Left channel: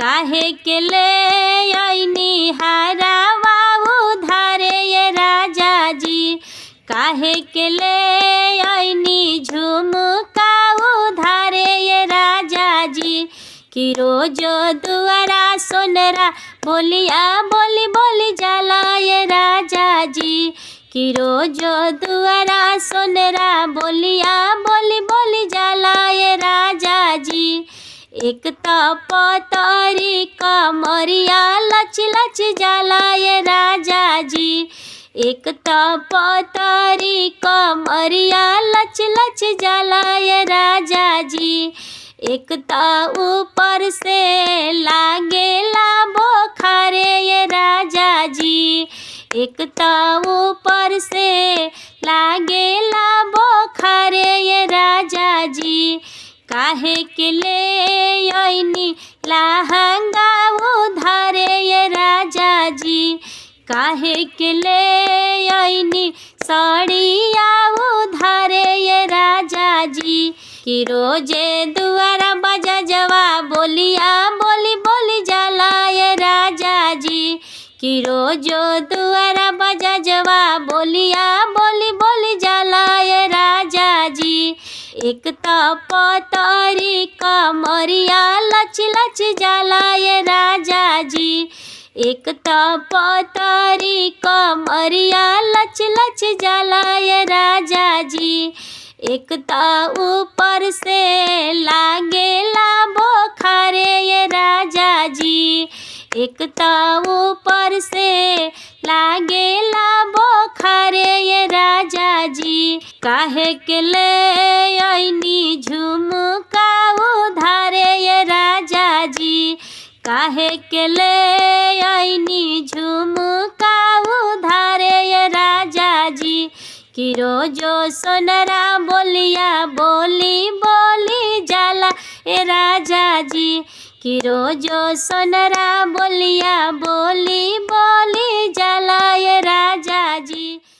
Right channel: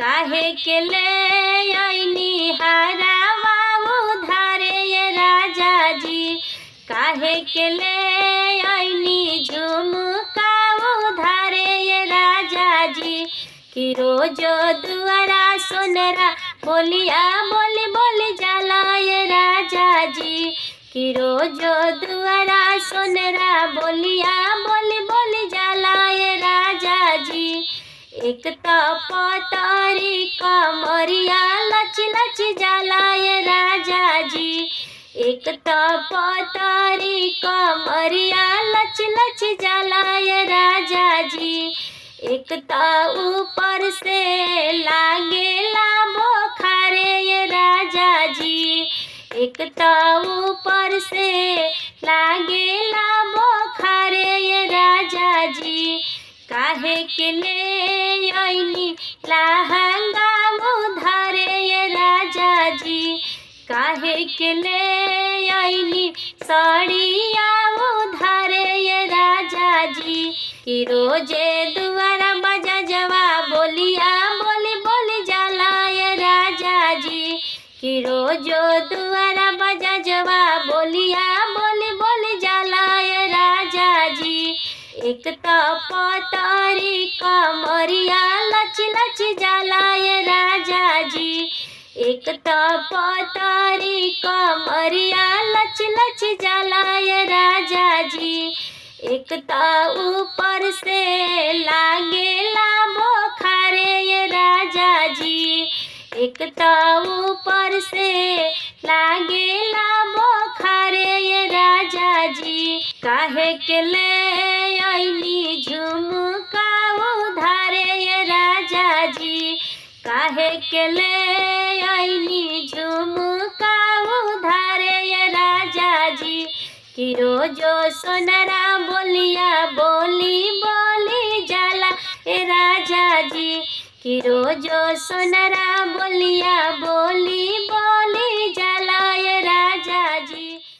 काहे के ले आईनी हारावा उधारे ये राजा जी, काहे के ले आईनी झुमका उधारे ये राजा जी। कि रोज दुआरा सोनरा बोलिया बोली बोली जाला ये राजा जी। कि रोज दुआरा सोनरा बोलिया बोली बोली जाला ये राजा जी। एक तो पतरी कमरिया लच लच जाला ये राजा जी। एक तो पतरी कमरिया लच लच जाला ये राजा जी। एक तो ऊपर से लागेला बोखारे ये राजा जी। एक तो ऊपर से लागेला बोखारे ये राजा जी। काहे के ले आईनी लहंगा उधारे ये राजा जी। काहे के ले आईनी साड़िया उधारे ये राजा जी। कि रोजे दुआरा बजा जवा बोलिया बोली बोली जाला ये राजा जी। कि रोजो दुआरा बजा जवा बोलिया बोली बोली जाला ये राजा जी। एक तो पतरी कमरिया लच लच जाला ये राजा जी। एक तो पतरी कमरिया लच लच जाला ये राजा जी। एक तो ऊपर से लागेला बोखारे ये राजा जी। एक तो ऊपर से लागेला बोखारे ये राजा जी। काहे के ले आईनी झुमका उधारे ये राजा जी। काहे के ले आईनी झुमका उधारे ये राजा जी। कि रोजो सोनरा बोलिया बोली बोली जाला ए राजा जी। कि रोजो सोनरा बोलिया बोली